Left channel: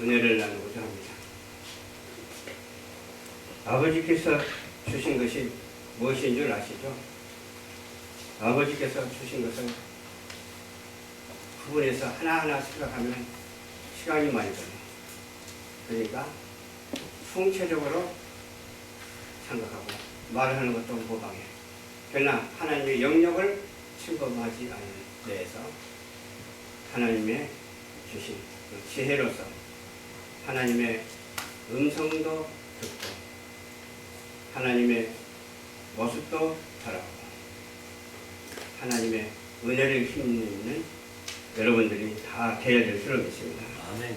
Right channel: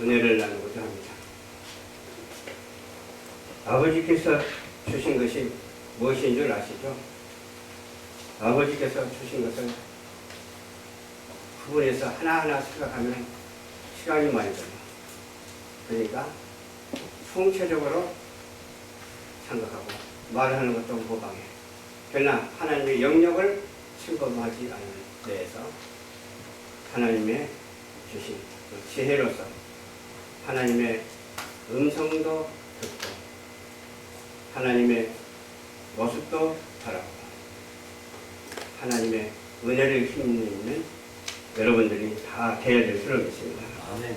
은혜를 나누고자 합니다. 아버지께서 주신 것이 무엇인 줄 아시죠? 아버지께서 주신 것을 구분해서 하나하나 생각하면 시간이 많이 걸려요. 그러니까 총체적으로 생각하고 말하는 것도 무방해. 그러나 하나님의 영역을 침범하지 않는 데에서 하나님의 주신 그 지혜로서 하나님의 음성도 듣고 하나님의 모습도 바라보고 하나님의 은혜를 힘입는 여러분들이 다 되어야 될 줄로 믿습니다. 아멘.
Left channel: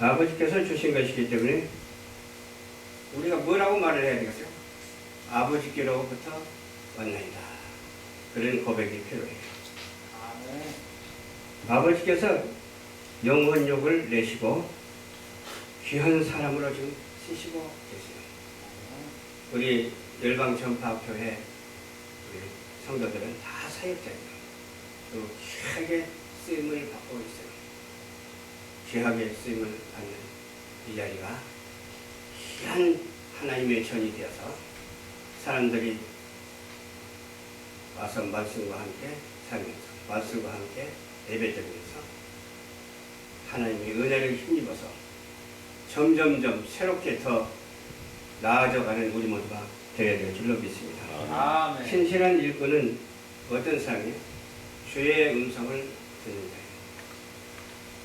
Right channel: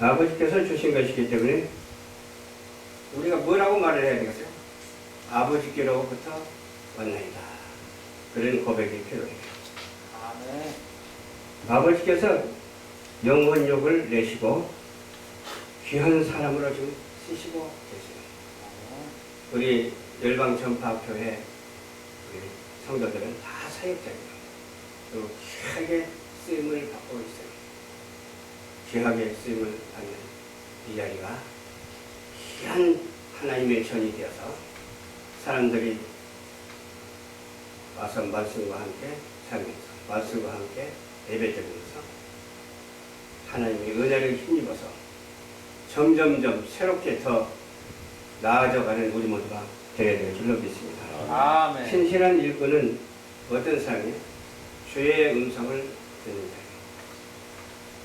아버지께서 주신 것이기 때문에 우리가 뭐라고 말을 해야 되겠어요? 아버지께로부터 왔나이다. 그런 고백이 필요해요. 아멘. 아버지께서 영혼욕을 내시고 귀한 사람으로 지금 쓰시고 계세요. 우리 열방전파교회 우리 성도들은 다 사역자예요. 또 귀하게 쓰임을 받고 있어요. 귀하게 쓰임을 받는 이 자리가 귀한 하나님의 전이 되어서 사람들이 와서 말씀과 함께 살면서 말씀과 함께 예배드리면서 하나님의 은혜를 힘입어서 점점점 새롭게 더 나아져가는 우리 모두가 되어야 될 줄로 믿습니다. 아멘. 신실한 일꾼은 어떤 사람이에요? 주의 음성을 듣는 자예요.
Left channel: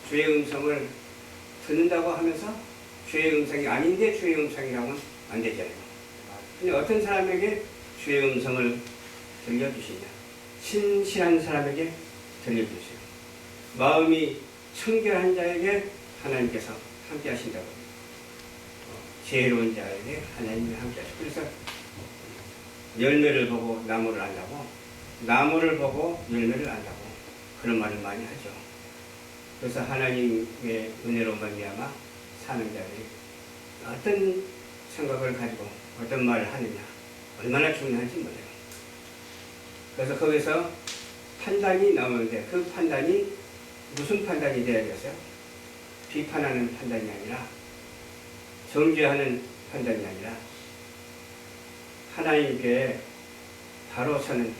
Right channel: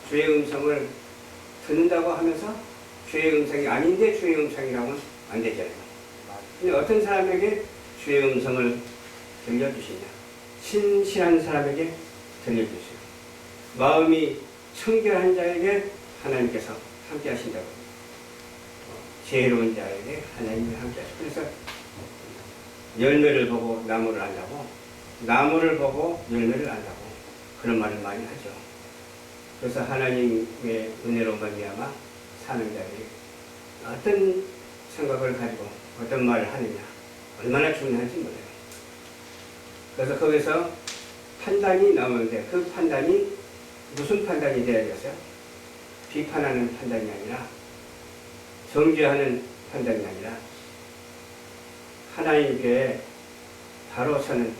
주의 음성을 듣는다고 하면서 주의 음성이 아닌데 주의 음성이라고는 안 되잖아요. 근데 어떤 사람에게 주의 음성을 들려주시냐? 신실한 사람에게 들려주세요. 마음이 청결한 자에게 하나님께서 함께 하신다고. 지혜로운 자에게 하나님이 함께 하시고. 그래서 열매를 보고 나무를 안다고, 나무를 보고 열매를 안다고 그런 말을 많이 하죠. 그래서 하나님의 은혜로 말미암아 사는 자들이 어떤 생각을 가지고 어떤 말을 하느냐 얼마나 중요한지 몰라요. 그래서 거기서 판단이 나오는데 그 판단이 무슨 판단이 되어야 되겠어요? 비판하는 판단이 아니라 정죄하는 판단이 아니라 하나님께 바로 서는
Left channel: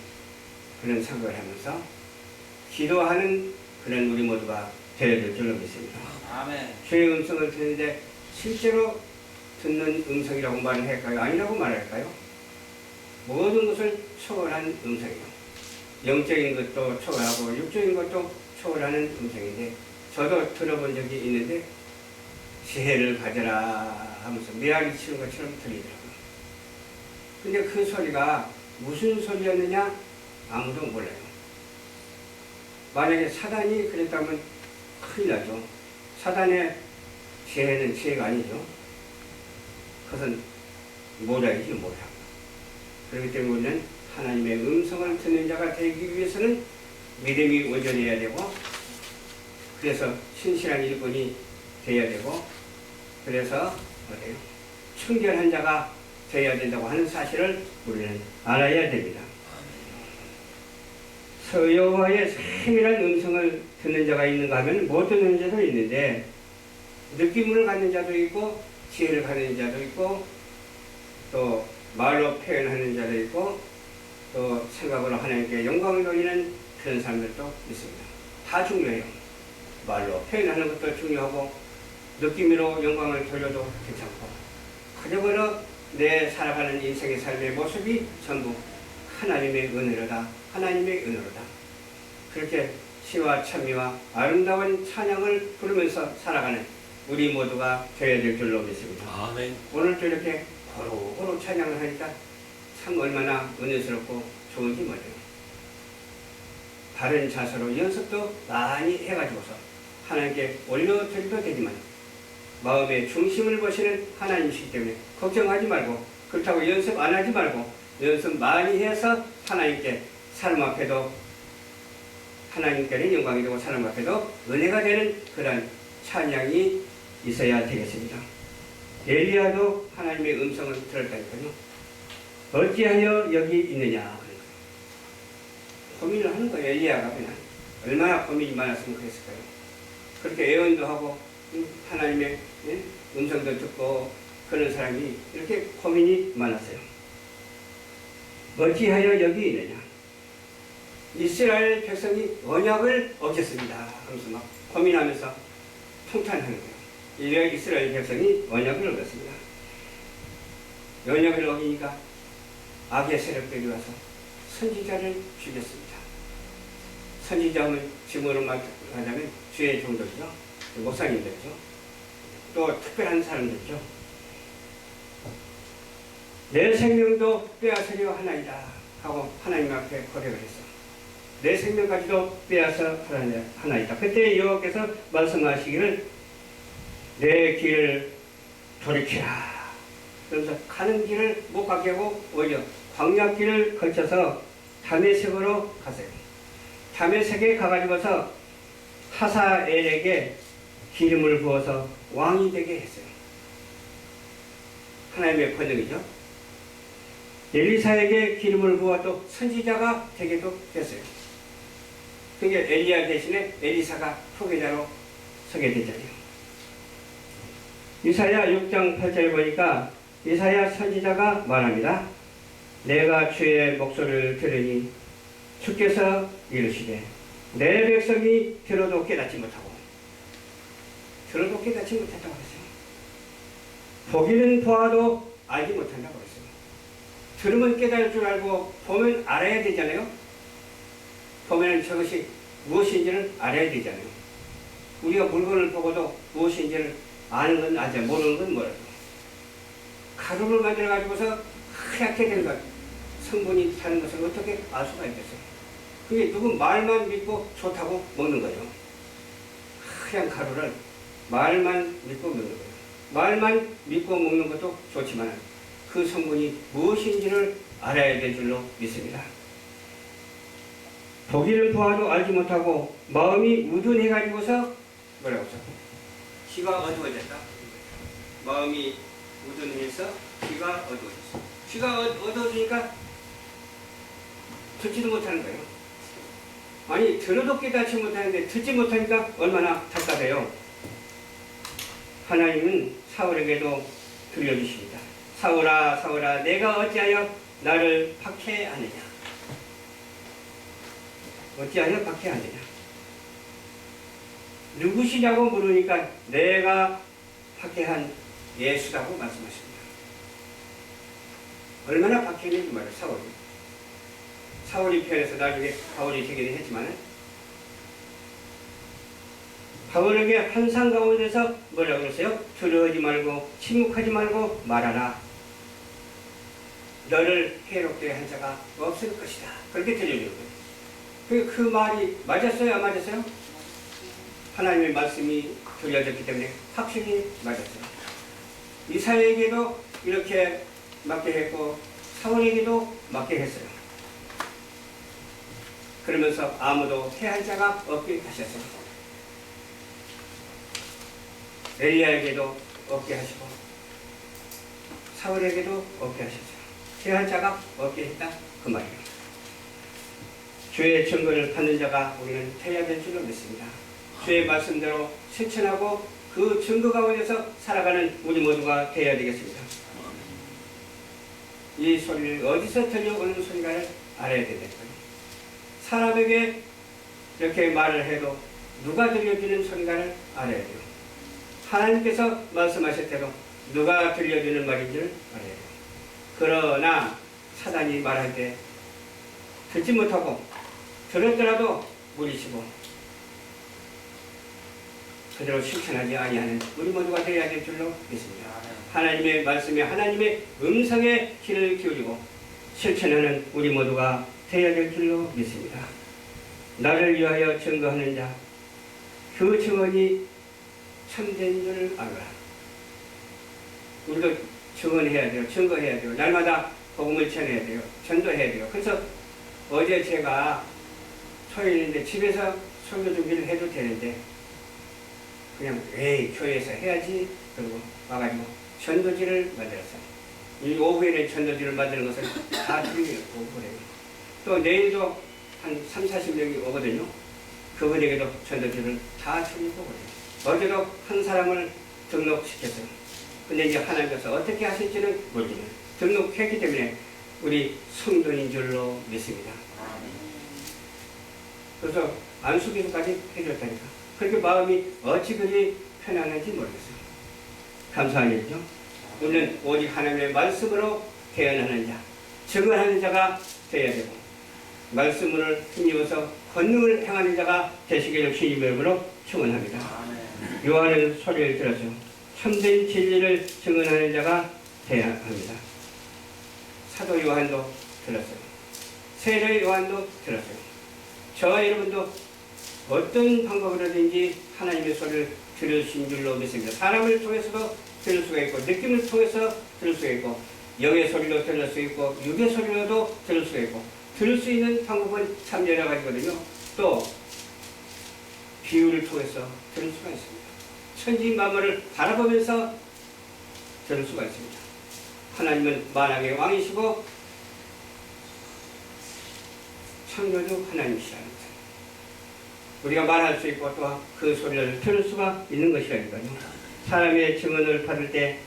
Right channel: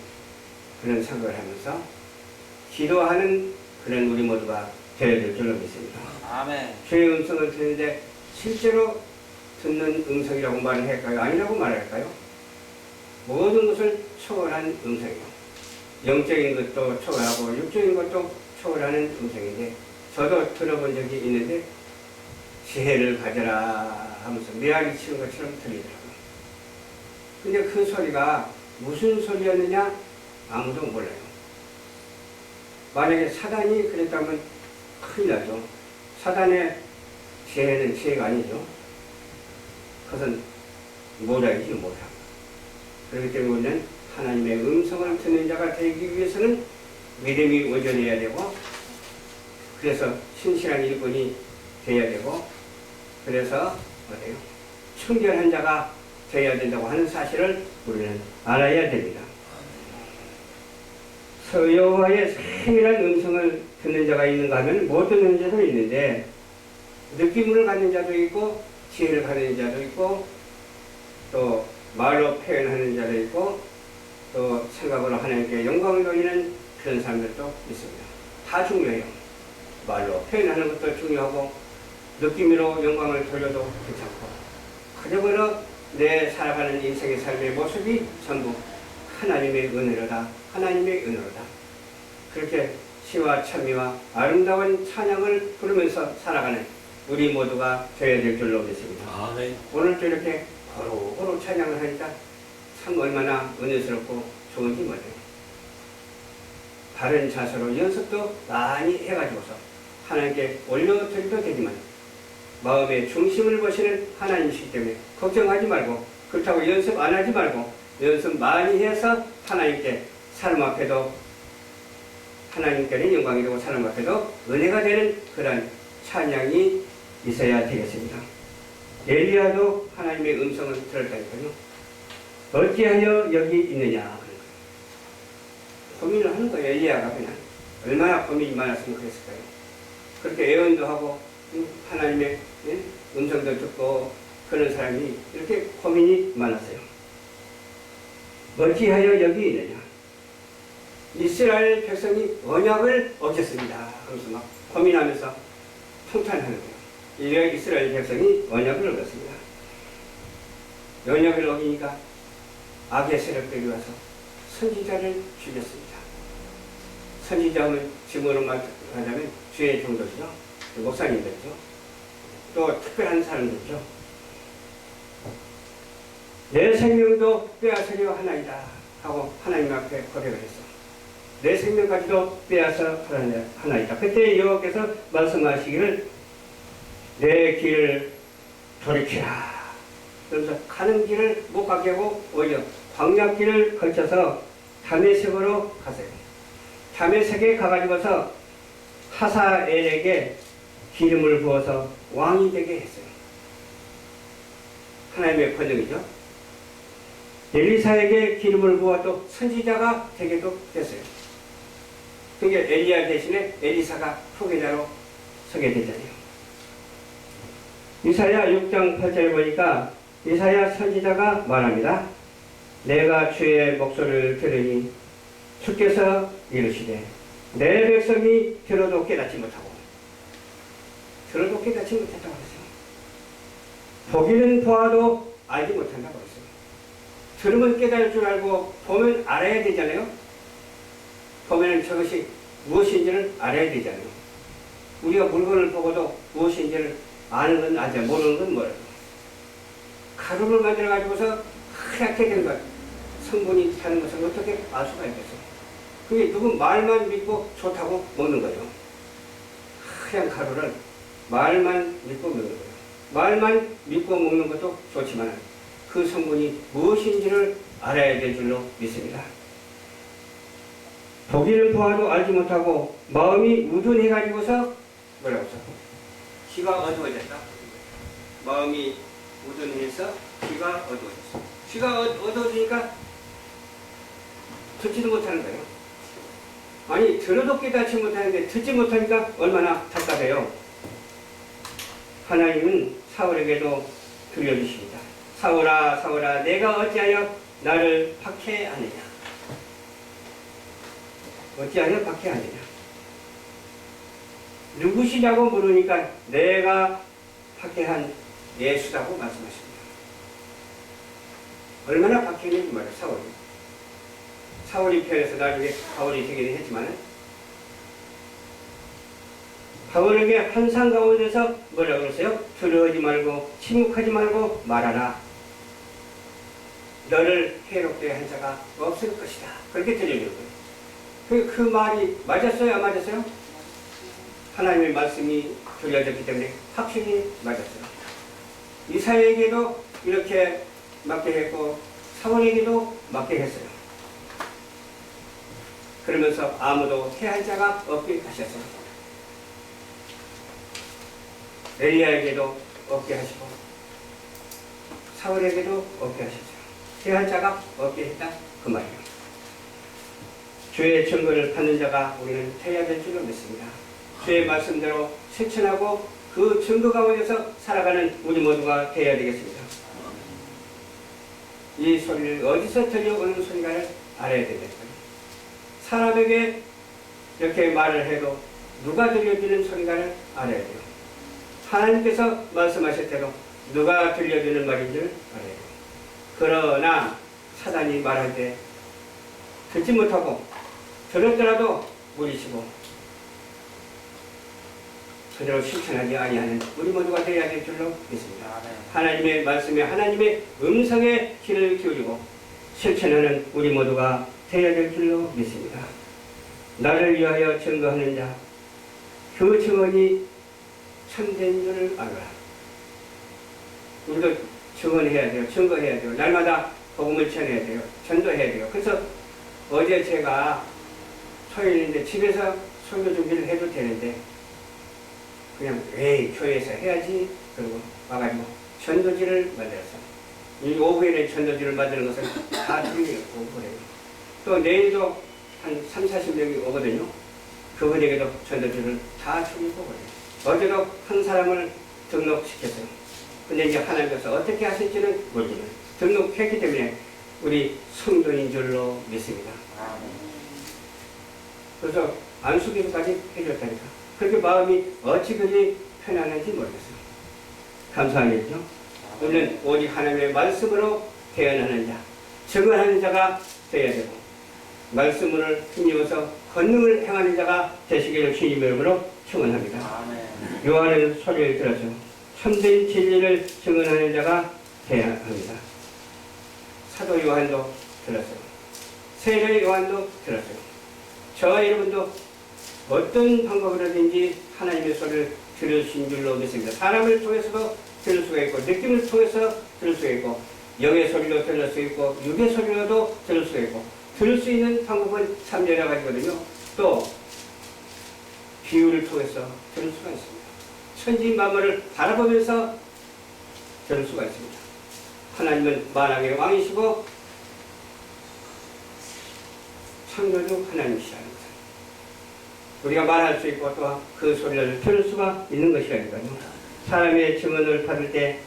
그런 생각을 하면서 기도하는 그런 우리 모두가 되어야 될 줄로 믿습니다. 아멘. 주의 음성을 듣는데 실제로 듣는 음성이라고 말을 할까요? 아니라고 말할까요? 모든 것을 초월한 음성이에요. 영적인 것도 초월하고 육적인 것도 초월하는 음성인데 저도 들어본 적이 있는데 지혜를 가져라 하면서 메아리 치는 것처럼 들리더라고요. 근데 그 소리가 무슨 소리였느냐 아무도 몰라요. 만약에 사단이 그랬다면 큰일 나죠. 사단의 지혜는 지혜가 아니죠. 그것은 모략이죠, 모략. 그렇기 때문에 우리는 하나님의 음성을 듣는 자가 되기 위해서는 믿음이 온전해야 되고 그래서 신실한 일꾼이 되어야 되고 그래서 어때요? 청결한 자가 되어야 된다고 하는 사실을 우리는 알아야 됩니다. 여호와의 세밀한 음성을 듣는 자가 있는가 하면 못 듣는 자도 있는데 느낌을 갖는 자도 있고 지혜를 갖는 자도 있고 또 말로 표현하는 자도 있고 또 생각으로 하나님께 영광을 돌리는 그런 사람들도 있습니다. 다 중요해요. 말로 표현하는 것도 중요하고 느낌으로 영광을 돌려도 괜찮고 그저그러 내 살아가는 인생의 삶의 모습이 전부 하나님의 은혜로다. 하나님의 은혜로다. 그렇게 시와 찬미와 아름다운 찬양을 부르면서 살아가는 우리 모두가 되어야 될 줄로 믿습니다. 아멘. 오늘도 이렇게 고루고루 찬양을 하니까 참 얼마나 은혜스럽고 좋은지 몰라요. 바른 자세로 연습도 많이 해가지고서 하나님께 올려드려도 되지만 마음의 중심을 보시는 하나님이시기 때문에 걱정하지 말고 그렇다고 연습 안 하지 말고 연습 많이 해서 하나님께 사람 앞에도 하나님께는 영광이 되고 사람 앞에도 은혜가 되는 그런 찬양이 있어야 되겠습니다. 엘리야도 하나님의 음성을 들었다니까요. 어찌하여 여기 있느냐 그런 거예요. 고민을 하는 거예요. 엘리야가 그냥 얼마나 고민이 많았으면 그랬을까요. 그렇게 애원도 하고 하나님의 음성도 듣고 그런 사람이 이렇게 고민이 많았어요. 어찌하여 여기 있느냐? 이스라엘 백성이 언약을 어겼습니다. 하면서 막 고민하면서 통탄하는 거예요. 이래 이스라엘 백성이 언약을 어겼습니다. 언약을 어기니까 악의 세력들이 와서 선지자를 죽였습니다. 선지자는 지금으로 말하자면 주의 종들이죠. 목사님들이죠. 또 특별한 사람들이죠. 내 생명도 빼앗으려 하나이다 하고 하나님 앞에 고백을 했어. 내 생명까지도 빼앗아 하나이다. 그때 여호와께서 말씀하시기를 내 길을 돌이키라. 그러면서 가는 길을 못 가게 하고 오히려 광야길을 거쳐서 다메섹으로 가세요. 다메섹에 가가지고서 하사엘에게 기름을 부어서 왕이 되게 했어요. 하나님의 권능이죠. 엘리사에게 기름을 부어 또 선지자가 되게도 됐어요. 그게 엘리야 대신에 엘리사가 후계자로 서게 되잖아요. 이사야 6장 8절에 보니까 이사야 선지자가 말합니다. 내가 주의 목소리를 들으니 주께서 이르시되 내 백성이 들어도 깨닫지 못하고 들어도 깨닫지 못했다고 했어요. 보기는 보아도 알지 못한다고 했어요. 들으면 깨달을 줄 알고 보면 알아야 되잖아요. 보면 저것이 무엇인지를 알아야 되잖아요. 우리가 물건을 보고도 무엇인지를 아는 건 알죠. 모르는 건 몰라요. 가루를 만들어 가지고서 하얗게 된 것, 성분이 타는 것을 어떻게 알 수가 있겠어요? 그게 누구 말만 믿고 좋다고 먹는 거예요. 하얀 가루를 말만 믿고 먹는 거예요. 말만 믿고 먹는 것도 좋지만 그 성분이 무엇인지를 알아야 될 줄로 믿습니다. 보기를 보아도 알지 못하고 마음이 우둔해가지고서 뭐라고 써? 귀가 어두워졌다. 마음이 우둔해서 귀가 어두워졌어. 귀가 어두워지니까 듣지도 못하는 거예요. 아니 들어도 깨닫지 못하는데 듣지 못하니까 얼마나 답답해요. 하나님은 사울에게도 들려주십니다. 사울아 사울아 내가 어찌하여 나를 박해하느냐. 어찌하여 박해하느냐. 누구시냐고 물으니까 내가 박해한 예수라고 말씀하십니다. 얼마나 박해했는지 말이에요. 사울이 편에서 나중에 바울이 되기는 했지만 바울에게 환상 가운데서 뭐라고 그러세요? 두려워하지 말고 침묵하지 말고 말하라. 너를 해롭게 한 자가 없을 것이다. 그렇게 들려주는 거예요. 그 말이 맞았어요? 안 맞았어요? 하나님의 말씀이 들려졌기 때문에 확실히 맞았어요. 이사야에게도 이렇게 맞게 했고 사울에게도 맞게 했어요. 그러면서 아무도 해할 자가 없게 하셨어요. 엘리야에게도 없게 하시고 사울에게도 없게 하셨어요. 해할 자가 없게 했다 그 말이에요. 주의 증거를 받는 자가 우리는 되어야 될 줄로 믿습니다. 주의 말씀대로 실천하고 그 증거 가운데서 살아가는 우리 모두가 되어야 되겠습니다. 이 소리를 어디서 들려오는 소리가를 알아야 된다. 사람에게 이렇게 말을 해도 누가 들려주는 소리가를 알아야 돼요. 하나님께서 말씀하실 때도 누가 들려주는 말인 줄 알아야 돼요. 그러나 사단이 말할 때 듣지 못하고 들었더라도 무리치고 그대로 실천하지 아니하는 우리 모두가 되어야 될 줄로 믿습니다. 하나님의 말씀에 하나님의 음성에 귀를 기울이고 실천하는 우리 모두가 되어야 될 줄로 믿습니다. 나를 위하여 증거하는 자, 그 증언이 참된 줄을 알아라. 우리도 증언해야 돼요. 증거해야 돼요. 날마다 복음을 전해야 돼요. 전도해야 돼요. 그래서 어제 제가 토요일인데 집에서 설교 준비를 해도 되는데 그냥 에이 교회에서 해야지 그러고 와가지고 전도지를 만들었어요. 이 오후에는 전도지를 만드는 것은 다 틀리고 그래요. 또 내일도 한 30, 40명이 오거든요. 그분에게도 전도지를 다 틀리고 그래요. 어제도 한 사람을 등록시켰어요. 근데 이제 하나님께서 어떻게 하실지는 모르지만 등록했기 때문에 우리 성도인 줄로 믿습니다. 그래서 안수기도까지 해줬다니까. 그렇게 마음이 어찌 그리 편안한지 모르겠어요. 감사한 일이죠. 우리는 오직 하나님의 말씀으로 대언하는 자, 증언하는 자가 되어야 되고 말씀을 힘입어서 권능을 행하는 자가 되시기를 주님의 이름으로 축원합니다. 요한은 소리를 들어서 참된 진리를 증언하는 자가 되어야 합니다. 사도 요한도 들었어요. 세례 요한도 들었어요. 저와 여러분도 어떤 방법으로든지 하나님의 소리를 들으신 줄로 믿습니다. 사람을 통해서도 들을 수가 있고 느낌을 통해서 들을 수가 있고 영의 소리로 들을 수 있고 육의 소리로도 들을 수가 있고 들을 수 있는 방법은 참 여러 가지거든요. 또 비유를 통해서 들을 수가 있습니다. 천지만물을 바라보면서 들을 수가 있습니다. 하나님은 만왕의 왕이시고 창조주 하나님이시라는 것. 우리가 말할 수 있고 또 그 소리를 들을 수가 있는 것이라니까요. 사람의 증언을 받을 때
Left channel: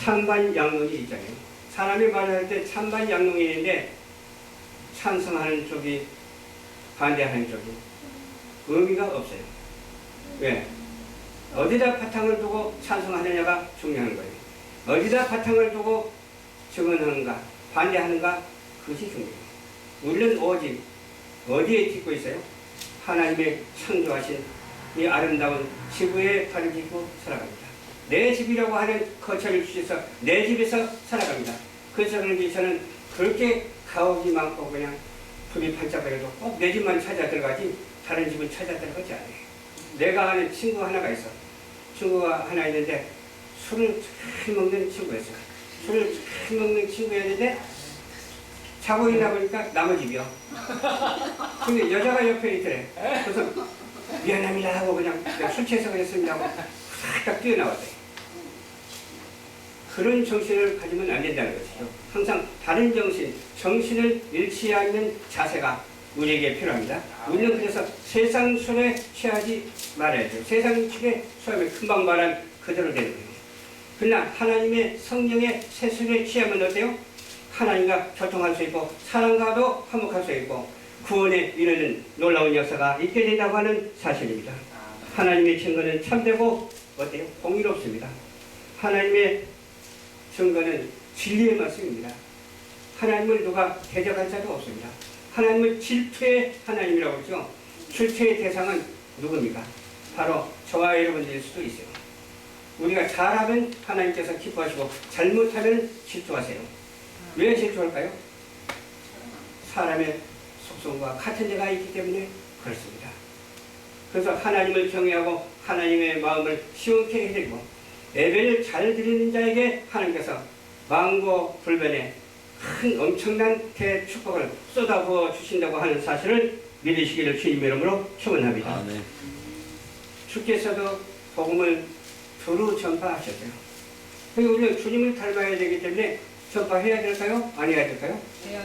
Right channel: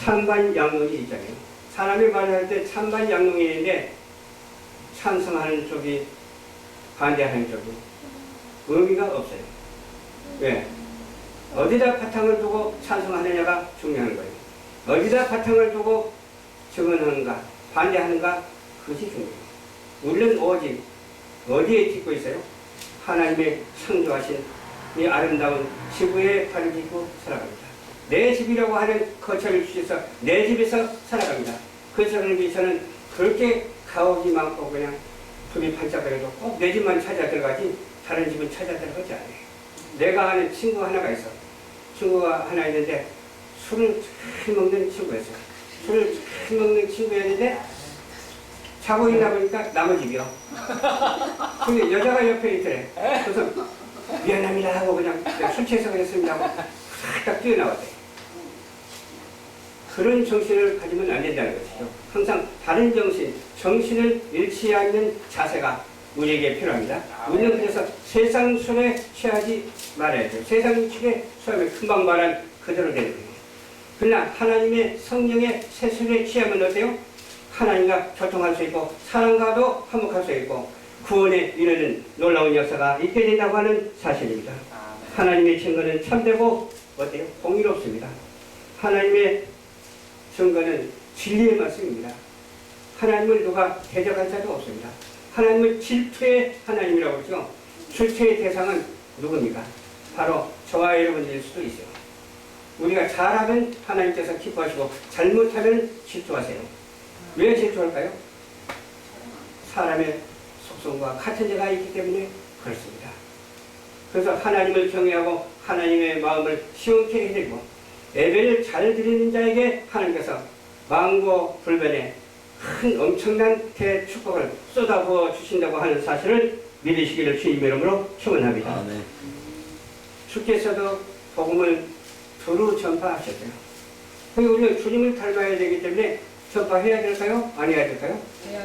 찬반 양론이 있잖아요. 사람이 말할 때 찬반 양론이 있는데 찬성하는 쪽이 반대하는 쪽이 의미가 없어요. 왜? 어디다 바탕을 두고 찬성하느냐가 중요한 거예요. 어디다 바탕을 두고 증언하는가 반대하는가 그것이 중요해요. 우리는 오직 어디에 짓고 있어요? 하나님의 창조하신 이 아름다운 지구에 발을 딛고 살아갑니다. 내 집이라고 하는 거처를 주셔서 내 집에서 살아갑니다. 그 사람을 위해서는 그렇게 가옥이 많고 그냥 불이 반짝거려도 꼭 내 집만 찾아 들어가지 다른 집은 찾아 들어가지 않아요. 내가 아는 친구 하나가 있어. 친구가 하나 있는데 술을 잘 먹는 친구였어요. 술을 잘 먹는 친구였는데 자고 있나 보니까 남의 집이요. 근데 여자가 옆에 있더래. 그래서 미안합니다 하고 그냥 술 취해서 그랬습니다 하고 싹 뛰어나왔대. 그런 정신을 가지면 안 된다는 것이죠. 항상 다른 정신을 잃지 않는 자세가 우리에게 필요합니다. 우리는 그래서 세상 술에 취하지 말아야 돼요. 세상 술에 취하면 금방 말한 그대로 되는 거예요. 그러나 하나님의 성령의 세술에 취하면 어때요? 하나님과 교통할 수 있고 사람과도 화목할 수 있고 구원에 이르는 놀라운 역사가 있게 된다고 하는 사실입니다. 하나님의 증거는 참되고 어때요? 공의롭습니다. 하나님의 증거는 진리의 말씀입니다. 하나님을 누가 대적할 자도 없습니다. 하나님은 질투의 하나님이라고 그러죠. 질투의 대상은 누굽니까? 바로 저와 여러분들일 수도 있어요. 우리가 잘하면 하나님께서 기뻐하시고 잘못하면 질투하세요. 왜 질투할까요? 사람의 속성과 같은 데가 있기 때문에 그렇습니다. 그래서 하나님을 경외하고 하나님의 마음을 시원케 해드리고 예배를 잘 드리는 자에게 하나님께서 망고불변의 큰 엄청난 대축복을 쏟아부어 주신다고 하는 사실을 믿으시기를 주님의 이름으로 축원합니다. 주께서도 복음을 두루 전파하셨어요. 그리고 우리는 주님을 닮아야 되기 때문에 전파해야 될까요? 안 해야 될까요?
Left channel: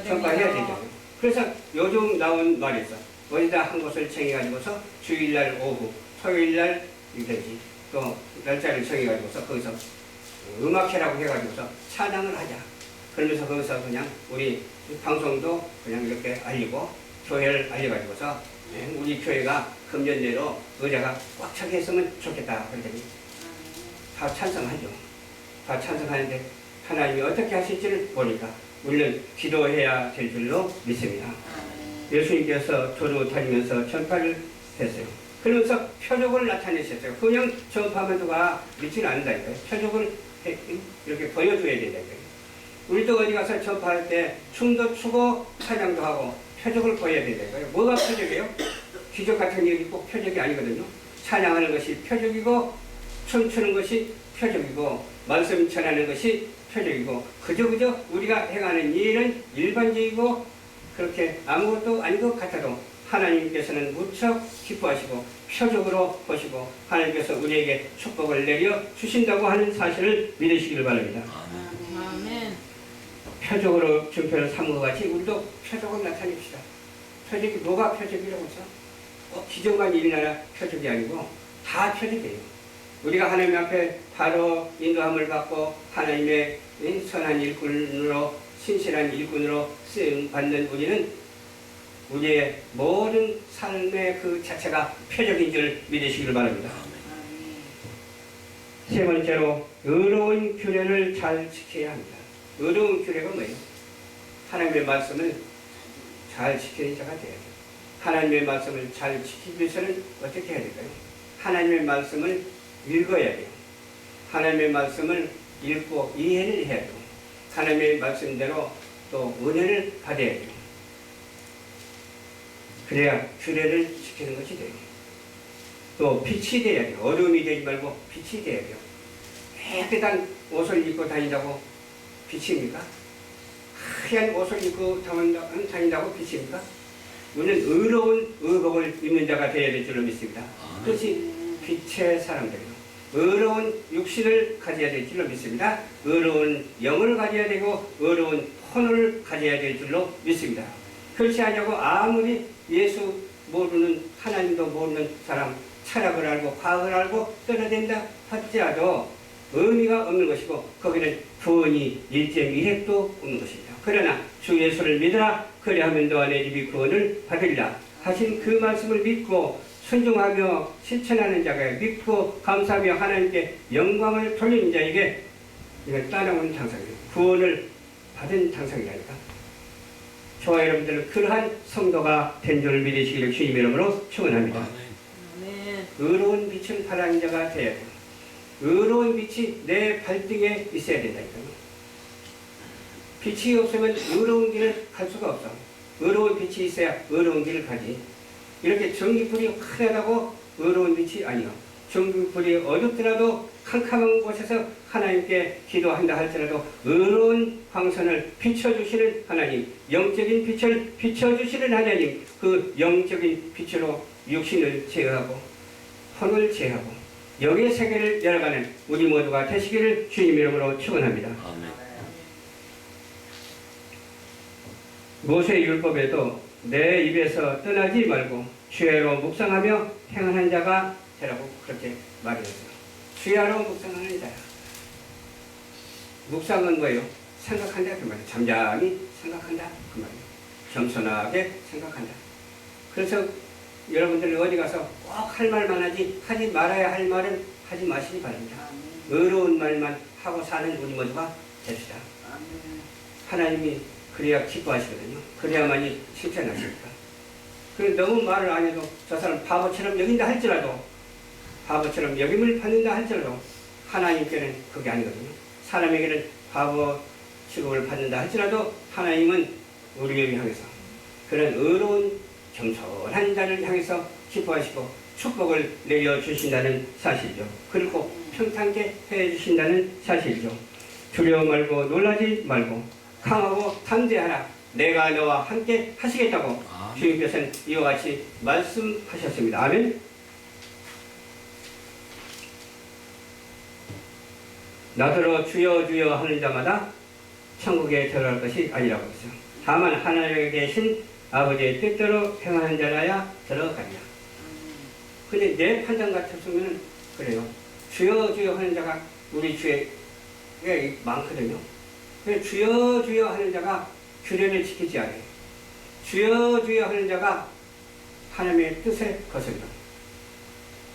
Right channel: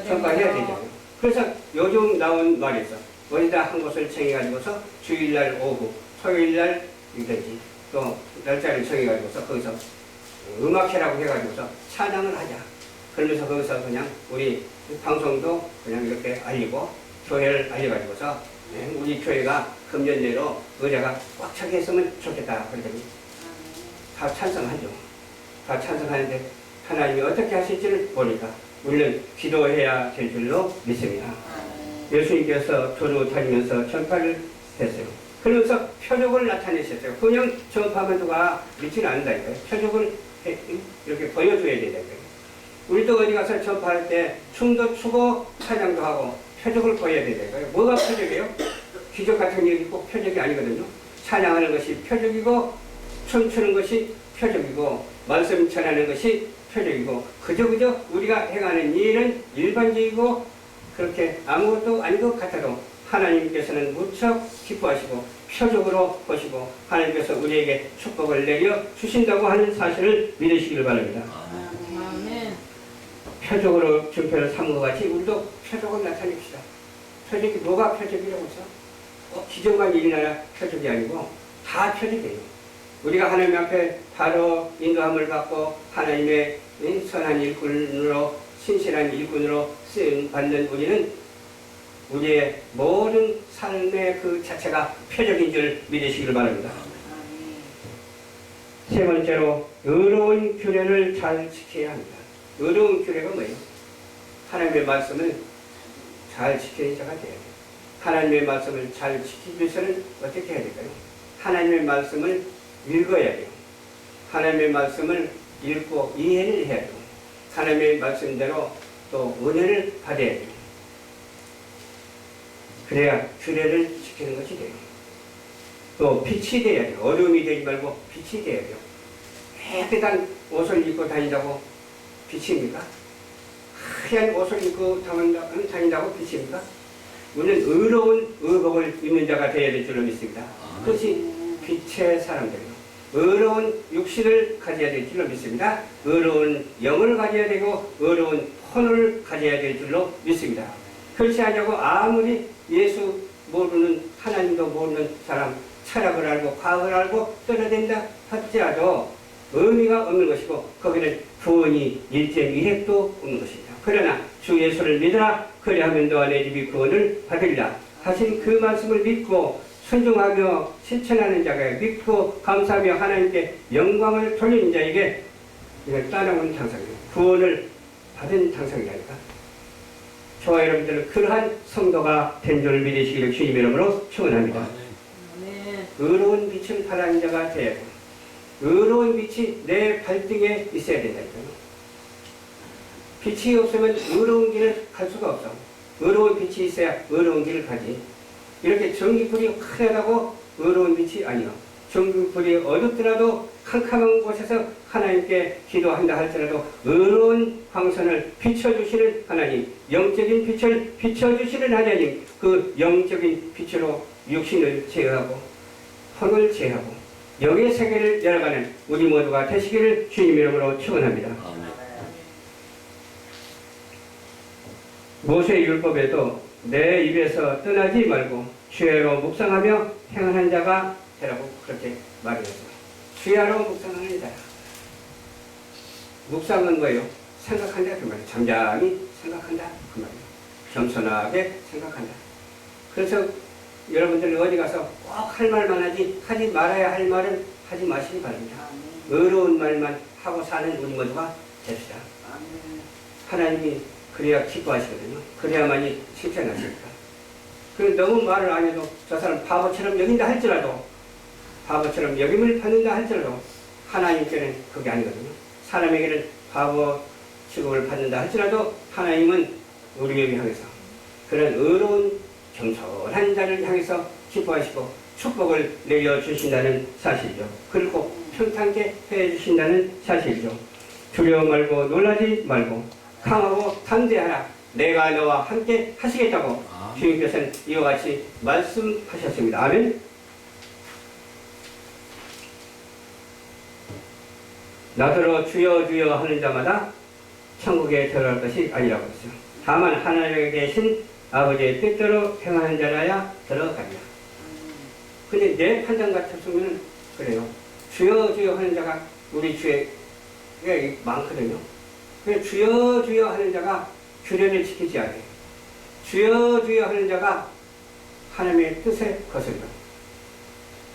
전파해야 되잖아요. 그래서 요즘 나온 말이 있어. 어디다 한 곳을 정해가지고서 주일날 오후, 토요일날 이든지 또 날짜를 정해가지고서 거기서 음악회라고 해가지고서 찬양을 하자. 그러면서 거기서 그냥 우리 방송도 그냥 이렇게 알리고 교회를 알려가지고서 우리 교회가 금년 내로 의자가 꽉 차게 했으면 좋겠다. 그러더니 다 찬성하죠. 다 찬성하는데 하나님이 어떻게 하실지를 모르니까 우리는 기도해야 될 줄로 믿습니다. 예수님께서 도로 다니면서 전파를 했어요. 그러면서 표적을 나타내셨어요. 그냥 전파하면 누가 믿지는 않는다니까요. 표적을 이렇게 보여줘야 된다니까요. 우리도 어디 가서 전파할 때 춤도 추고 찬양도 하고 표적을 보여야 된다니까요. 뭐가 표적이에요? 기적 같은 일이 꼭 표적이 아니거든요. 찬양하는 것이 표적이고 춤추는 것이 표적이고 말씀 전하는 것이 표적이고 그저 우리가 행하는 일은 일반적이고 그렇게 아무것도 아닌 것 같아도 하나님께서는 무척 기뻐하시고 표적으로 보시고 하나님께서 우리에게 축복을 내려 주신다고 하는 사실을 믿으시길 바랍니다. 아멘. 표적으로 증표를 삼은 것 같이 우리도 표적을 나타냅시다. 표적이 뭐가 표적이라고 해서 기적만 일어나야 표적이 아니고 다 표적이에요. 우리가 하나님 앞에 바로 인도함을 받고 하나님의 선한 일꾼으로 신실한 일꾼으로 쓰임 받는 우리는 우리의 모든 삶의 그 자체가 표적인 줄 믿으시길 바랍니다. 세 번째로 의로운 규례를 잘 지켜야 합니다. 의로운 규례가 뭐예요? 하나님의 말씀을 잘 지키는 자가 돼야 돼요. 하나님의 말씀을 잘 지키기 위해서는 어떻게 해야 될까요? 하나님의 말씀을 읽어야 돼요. 하나님의 말씀을 읽고 이해를 해야 돼요. 하나님의 말씀대로 또 은혜를 받아야 돼요. 그래야 규례를 지키는 것이 돼요. 또 빛이 돼야 돼요. 어둠이 되지 말고 빛이 돼야 돼요. 깨끗한 옷을 입고 다닌다고 빛입니까? 하얀 옷을 입고 다닌다고 빛입니까? 우리는 의로운 의복을 입는 자가 되어야 될 줄로 믿습니다. 그것이 빛의 사람들이요. 의로운 육신을 가져야 될 줄로 믿습니다. 의로운 영을 가져야 되고 의로운 혼을 가져야 될 줄로 믿습니다. 그렇지 않냐고 아무리 예수 모르는 하나님도 모르는 사람 철학을 알고 과학을 알고 떠나댄다 할지라도 의미가 없는 것이고 거기는 구원이 1.1핵도 없는 것입니다. 그러나 주 예수를 믿으라 그리하면 너와 내 집이 구원을 받으리라 하신 그 말씀을 믿고 순종하며 실천하는 자가 믿고 감사하며 하나님께 영광을 돌리는 자에게 이건 따라오는 당상이에요. 구원을 받은 당상이라니까. 저와 여러분들은 그러한 성도가 된 줄을 믿으시기를 주님의 이름으로 축원합니다. 의로운 빛을 발하는 자가 되어야 돼요. 의로운 빛이 내 발등에 있어야 된다니까요. 빛이 없으면 의로운 길을 갈 수가 없어. 의로운 빛이 있어야 의로운 길을 가지. 이렇게 전기불이 환하다고 의로운 빛이 아니요. 전기불이 어둡더라도 캄캄한 곳에서 하나님께 기도한다 할지라도 의로운 광선을 비춰주시는 하나님, 영적인 빛을 비춰주시는 하나님, 그 영적인 빛으로 육신을 제어하고 혼을 제어하고 영의 세계를 열어가는 우리 모두가 되시기를 주님 이름으로 축원합니다. 모세의 율법에도 내 입에서 떠나지 말고 주야로 묵상하며 행하는 자가 되라고 그렇게 말했어요. 주야로 묵상하는 자야. 묵상은 뭐예요? 생각한다 그 말이에요. 잠잠히 생각한다 그 말이에요. 겸손하게 생각한다. 그래서 여러분들 어디 가서 꼭 할 말만 하지 말아야 할 말은 하지 마시기 바랍니다. 의로운 말만 하고 사는 우리 모두가 됩시다. 하나님이 그래야 기뻐하시거든요. 그래야만이 실천하십니다. 그리고 너무 말을 안 해도 저 사람 바보처럼 여긴다 할지라도 바보처럼 여김을 받는다 할지라도 하나님께는 그게 아니거든요. 사람에게는 바보 취급을 받는다 할지라도 하나님은 우리를 향해서 그런 의로운 겸손한 자를 향해서 기뻐하시고 축복을 내려주신다는 사실이죠. 그리고 평탄케 해주신다는 사실이죠. 두려워 말고 놀라지 말고 강하고 담대하라. 내가 너와 함께 하시겠다고 주님께서는 이와 같이 말씀하셨습니다. 아멘. 나더러 주여 주여 하는 자마다 천국에 들어갈 것이 아니라고 했어요. 다만 하늘에 계신 아버지의 뜻대로 행하는 자라야 들어가리라. 근데 내 판단 같았으면 그래요. 주여 주여 하는 자가 우리 주에 많거든요. 주여 주여 하는 자가 규례를 지키지 않아요. 주여 주여 하는 자가 하나님의 뜻에 거슬려.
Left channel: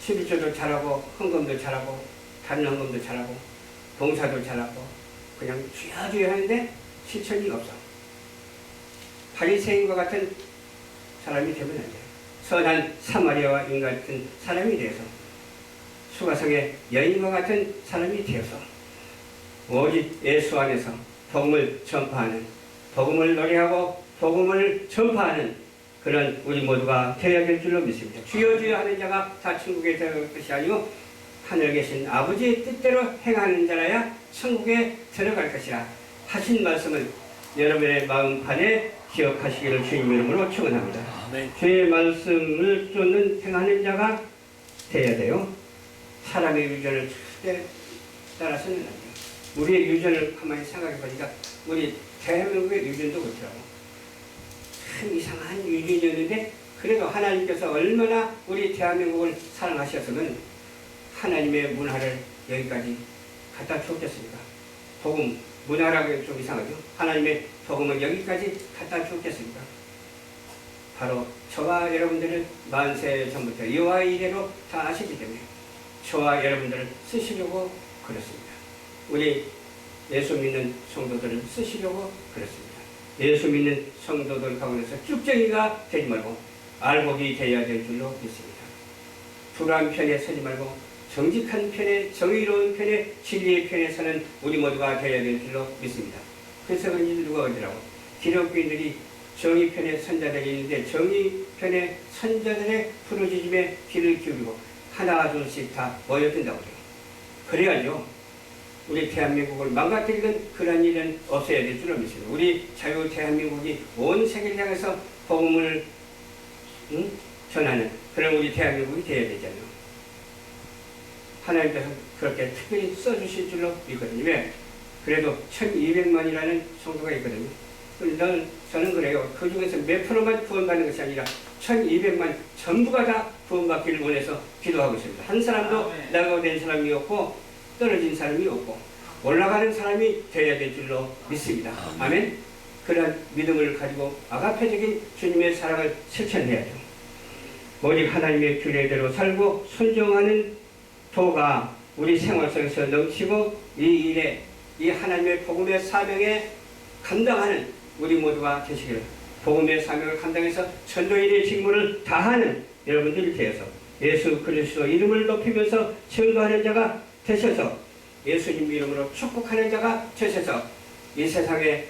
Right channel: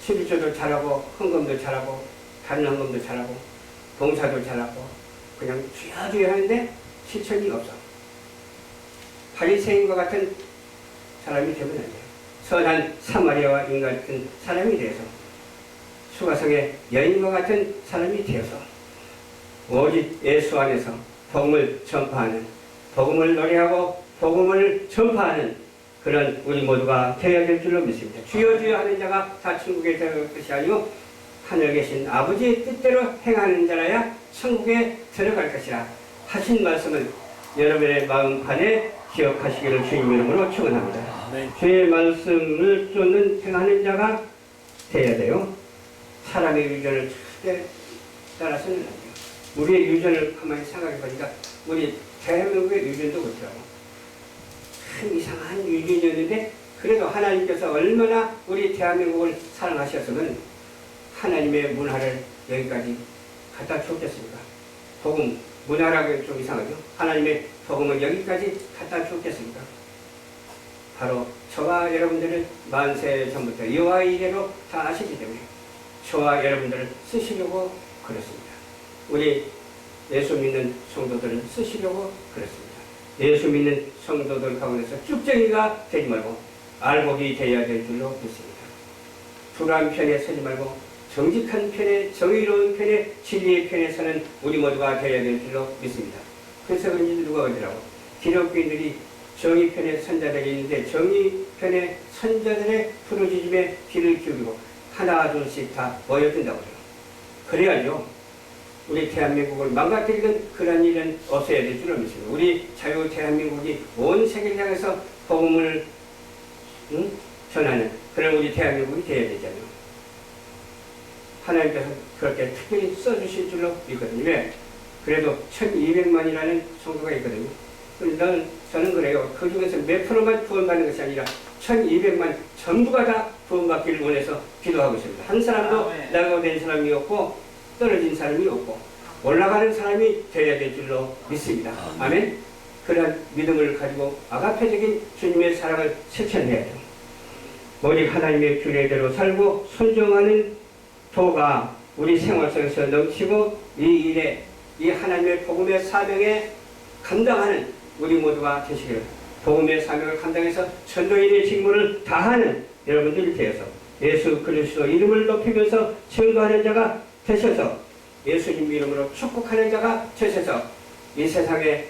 11조도 잘하고 헌금도 잘하고 다른 헌금도 잘하고 봉사도 잘하고 그냥 주여 주여 하는데 실천이 없어. 바리새인과 같은 사람이 되면 안 돼요. 선한 사마리아와 인과 같은 사람이 되어서 수가성의 여인과 같은 사람이 되어서 오직 예수 안에서 복음을 전파하는 복음을 노래하고 복음을 전파하는 그런 우리 모두가 되어야 될 줄로 믿습니다. 주여 주여 하는 자가 다 천국에 들어갈 것이 아니고 하늘에 계신 아버지의 뜻대로 행하는 자라야 천국에 들어갈 것이라 하신 말씀을 여러분의 마음판에 기억하시기를 주님 이름으로 축원합니다. 주의 말씀을 쫓는 행하는 자가 되어야 돼요. 사람의 유전을 절대 따라서는 안 돼요. 우리의 유전을 가만히 생각해 보니까 우리 대한민국의 유전도 그렇더라고. 참 이상한 유전이었는데 그래도 하나님께서 얼마나 우리 대한민국을 사랑하셨으면 하나님의 문화를 여기까지 갖다 주었겠습니까? 복음, 문화라고 좀 이상하죠? 하나님의 복음을 여기까지 갖다 주었겠습니까? 바로 저와 여러분들은 만세 전부터 여호와 이래로 다 아시기 때문에 저와 여러분들을 쓰시려고 그렇습니다. 우리 예수 믿는 성도들은 쓰시려고 그렇습니다. 예수 믿는 성도들 가운데서 쭉정이가 되지 말고 알곡이 되어야 될 줄로 믿습니다. 불안 편에 서지 말고 정직한 편에, 정의로운 편에, 진리의 편에 서는 우리 모두가 되어야 될 줄로 믿습니다. 그래서 그런지 누가 그러더라고. 기독교인들이 정의 편에 선자들이 있는데 정의 편에 선자들의 부르짖음에 귀를 기울이고 하나 둘씩 다 모여든다고 해요. 그래야죠. 우리 대한민국을 망가뜨리는 그런 일은 없어야 될 줄로 믿습니다. 우리 자유 대한민국이 온 세계를 향해서 복음을 전하는 그런 우리 대한민국이 되어야 되잖아요. 하나님께서 그렇게 특별히 써주실 줄로 믿거든요. 왜? 그래도 1200만이라는 성도가 있거든요. 저는 그래요. 그 중에서 몇 프로만 구원받는 것이 아니라 1200만 전부가 다 구원받기를 원해서 기도하고 있습니다. 한 사람도 낙오된 사람이 없고 떨어진 사람이 없고 올라가는 사람이 되어야 될 줄로 믿습니다. 아멘. 그런 믿음을 가지고 아가페적인 주님의 사랑을 실천해야죠. 오직 하나님의 규례대로 살고 순종하는 도가 우리 생활 속에서 넘치고 이 일에 이 하나님의 복음의 사명에 감당하는 우리 모두가 되시기를, 복음의 사명을 감당해서 전도인의 직무를 다하는 여러분들이 되어서 예수 그리스도 이름을 높이면서 증거하는 자가 되셔서 예수님 이름으로 축복하는 자가 되셔서 이 세상에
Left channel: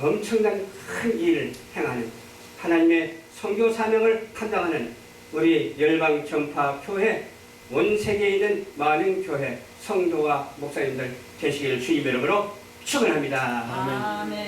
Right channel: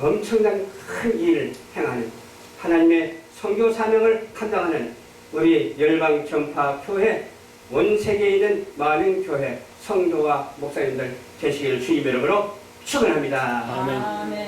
엄청난 큰 일을 행하는 하나님의 선교 사명을 감당하는 우리 열방 전파 교회, 온 세계에 있는 많은 교회 성도와 목사님들 되시기를 주님의 이름으로 축원합니다. 아멘.